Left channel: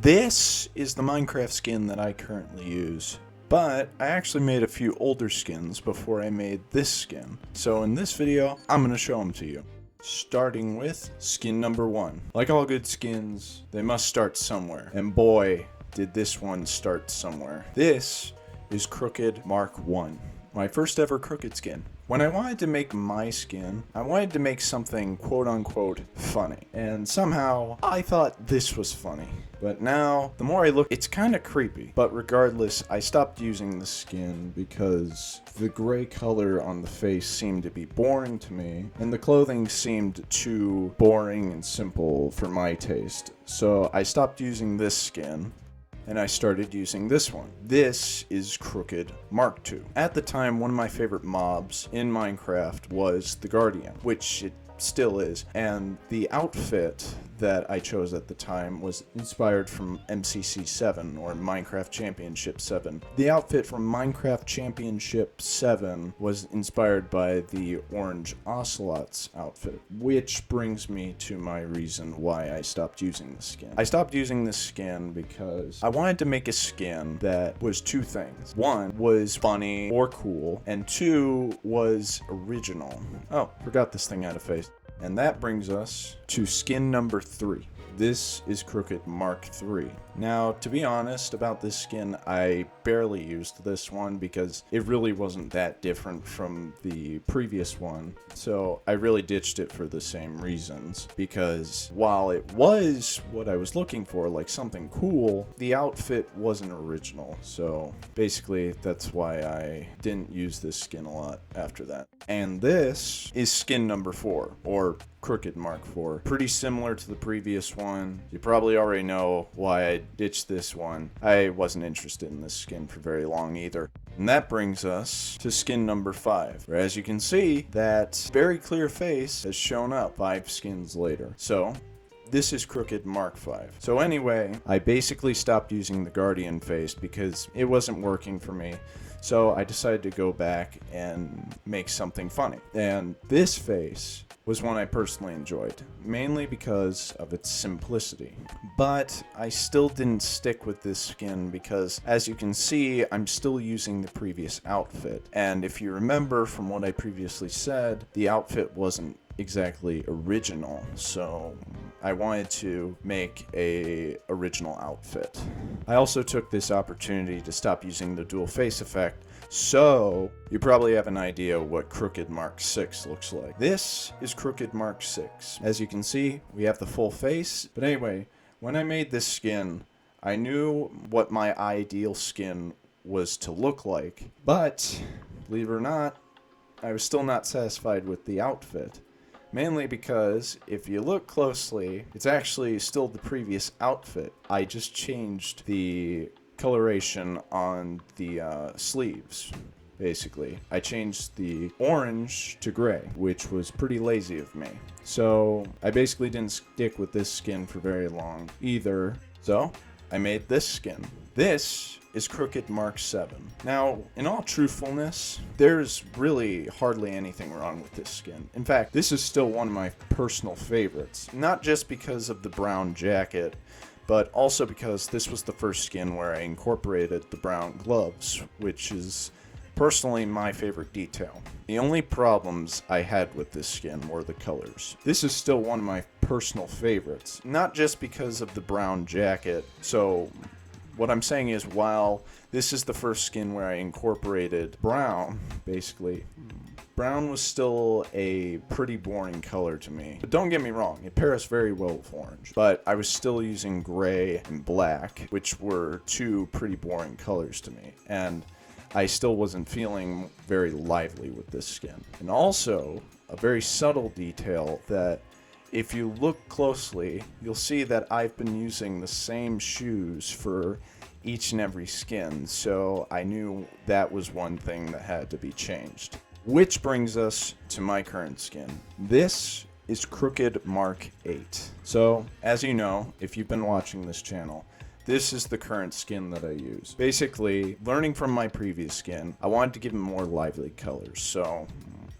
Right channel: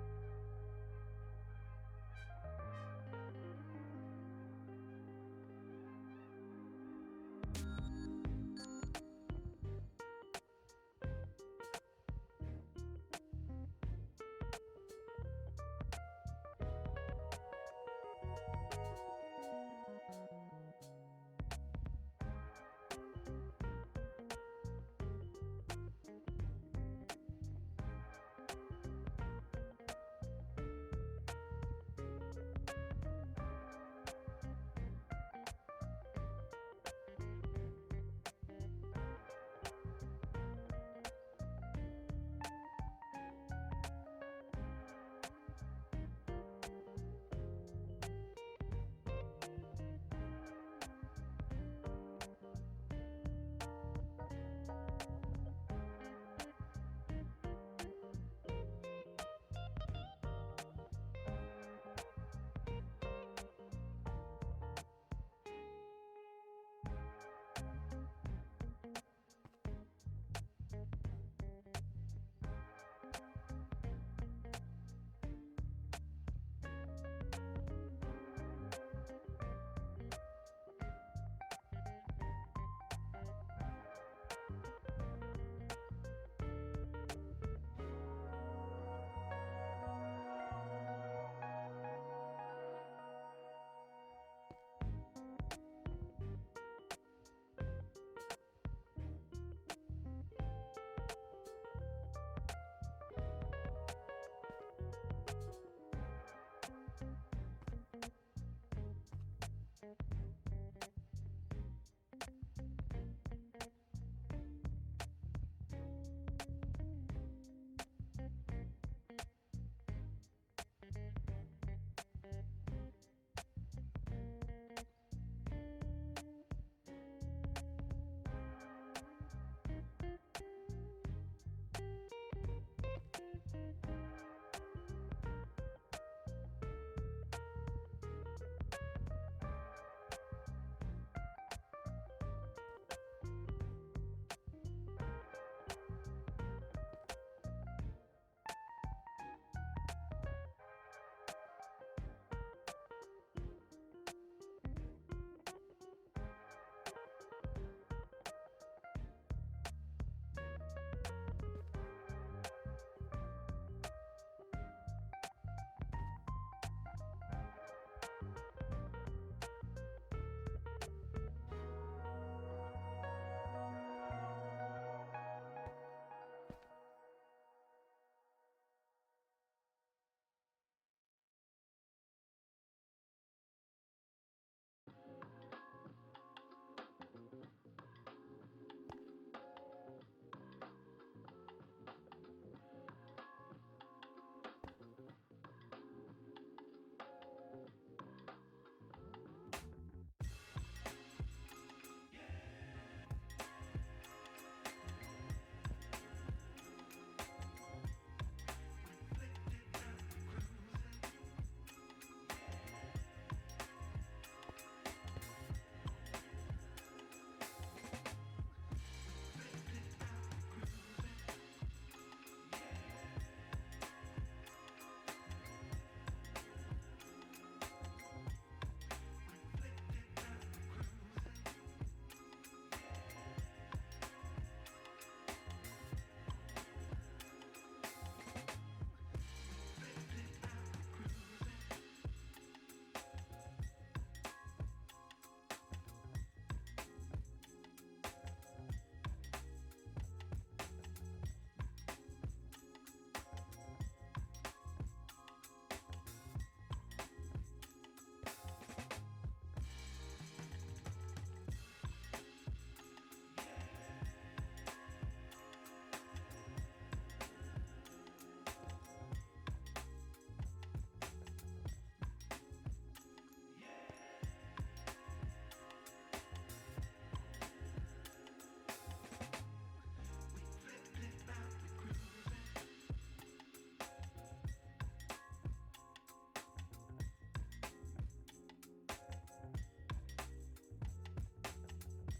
This is the Minecraft skin that I currently use, but I actually made a few older skins before I made this skin. So in this video, I'm going to show them to you. Starting with skin number 1. Like all good skins, they must start somewhere. And boy, did this one start somewhere. This is Crooked Mark 1. My first ever Crooked skin. When I wanted to make my skin, I wanted to make something quote-unquote funny. And somehow, I thought this was funny. But now, the more I look, it's kind of creepy. But regardless, I stopped using the skin because the gray color on the face seemed to be boring to me, and the clothing seemed too boring and simple for my taste. So I stopped using this skin, and I started using this one. This is Crooked Mark II. At the time, one of my favorite mobs in Minecraft was the Guardian, which it still is, and the outfit that I chose at the time was inspired from MCC 7, or Minecraft Championship 7. The outfit from Minecraft Championship 7 was inspired by the Orange Ocelot's outfit, which brings me to my reason why I stopped using this skin. I stopped using this skin because I wanted to make a skin that was two things. One was funny or cool, and two was original. Oh, forgot this thing had a face. And that brings us to skin number 3. This is Crooked Mark III. Now, to be honest about this skin, I barely used this one because it really wasn't that different from the previous one. So I really ditched it for the same reasons, because while it was what I was looking for, like something cool, the outfit wasn't original. So basically, that's why I didn't use this skin a lot after that. And this is skin number 4, or Crooked Mark IV. Pretty similar to the previous one. You probably already know why I ditched this one. I wasn't interested in this skin for very long either. And that brings us to skin number 5, where as you can see, that very clear face has shown up 5 skins later. So this is Crooked Mark V. So anyway, I basically stopped using the Guardian face because it wasn't working for me. So I decided to go back and make something funny. And this face was one I personally enjoyed, mainly because of its simplicity. But I still didn't stick with this skin because, as you can see, I'm still using the previous outfit. And if you remember from what I previously said, the outfit wasn't exactly original, so I wanted to make a original outfit. I also took this opportunity to stop using the dual face effect, so you probably have an idea what Crooked Mark VI looks like. This is Crooked Mark VI. As you can see, we have the full face, but anyway, when I made this skin, I knew what my ideal skin was to look like, but believe it or not, I was still not satisfied with the outfit. Mainly because, if you look closely, it's actually still the previous outfit. I just changed the coloration on the sleeves, basically. I changed the orange to gray, which was pretty lazy of me. So, I basically didn't stick with this skin for very long either. So, I made this skin. This is Crooked Mark VII. Now, in all truthfulness, there's really hardly anything wrong with this skin. In fact, this is still one of my personal favorites. Not just because of the brown jacket, but also because this was the first skin where I incorporated the brown gloves, which is personally my favorite detail. The only problems I had with this skin were the colors. This is still one of my personal favorites, not just because of the brown jacket. So what I'm saying is, while this is the first skin where I incorporated brown, basically, brown was still a pretty boring color to me. But don't get me wrong, it pairs very well with orange. But I was still using gray and black, which were two pretty boring colors to me. And I still wasn't feeling very lively with this skin. And also, a very subtle detail that if you look closely, you'll see that I've been using the same shoes for each and every skin, so I knew that was one thing that had to be changed. Which brings us to my current skin. This is Crooked Mark VIII. So, as you know, if you've been watching this channel, this is the current skin that I use. Basically, learning from my previous skin, I wanted to give it more lively colors, so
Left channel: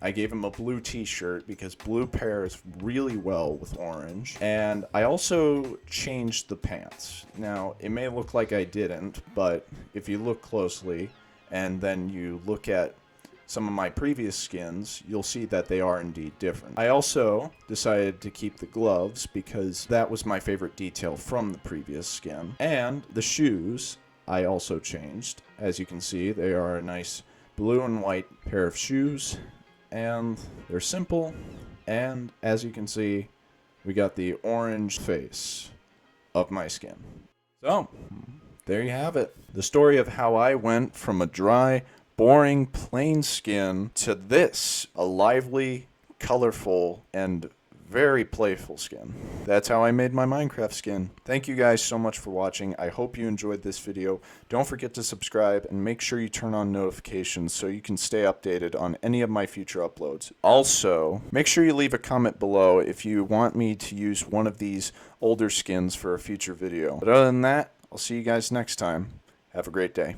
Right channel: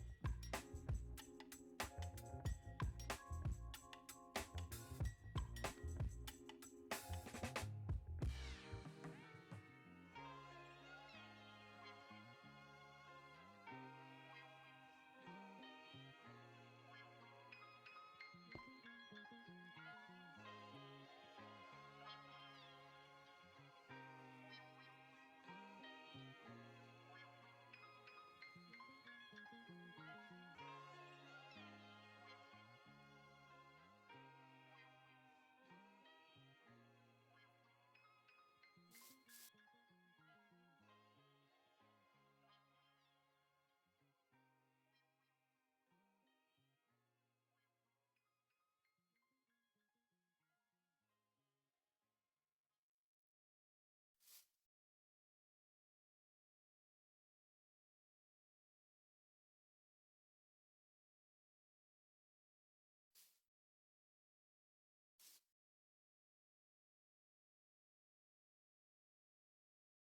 I gave him a blue t-shirt because blue pairs really well with orange. And I also changed the pants. Now, it may look like I didn't, but if you look closely and then you look at some of my previous skins, you'll see that they are indeed different. I also decided to keep the gloves because that was my favorite detail from the previous skin. And the shoes I also changed. As you can see, they are a nice blue and white pair of shoes, and they're simple. And as you can see, we got the orange face of my skin. So, there you have it. The story of how I went from a dry, boring, plain skin to this, a lively, colorful, and very playful skin. That's how I made my Minecraft skin. Thank you guys so much for watching. I hope you enjoyed this video. Don't forget to subscribe and make sure you turn on notifications so you can stay updated on any of my future uploads. Also, make sure you leave a comment below if you want me to use one of these older skins for a future video. But other than that, I'll see you guys next time. Have a great day.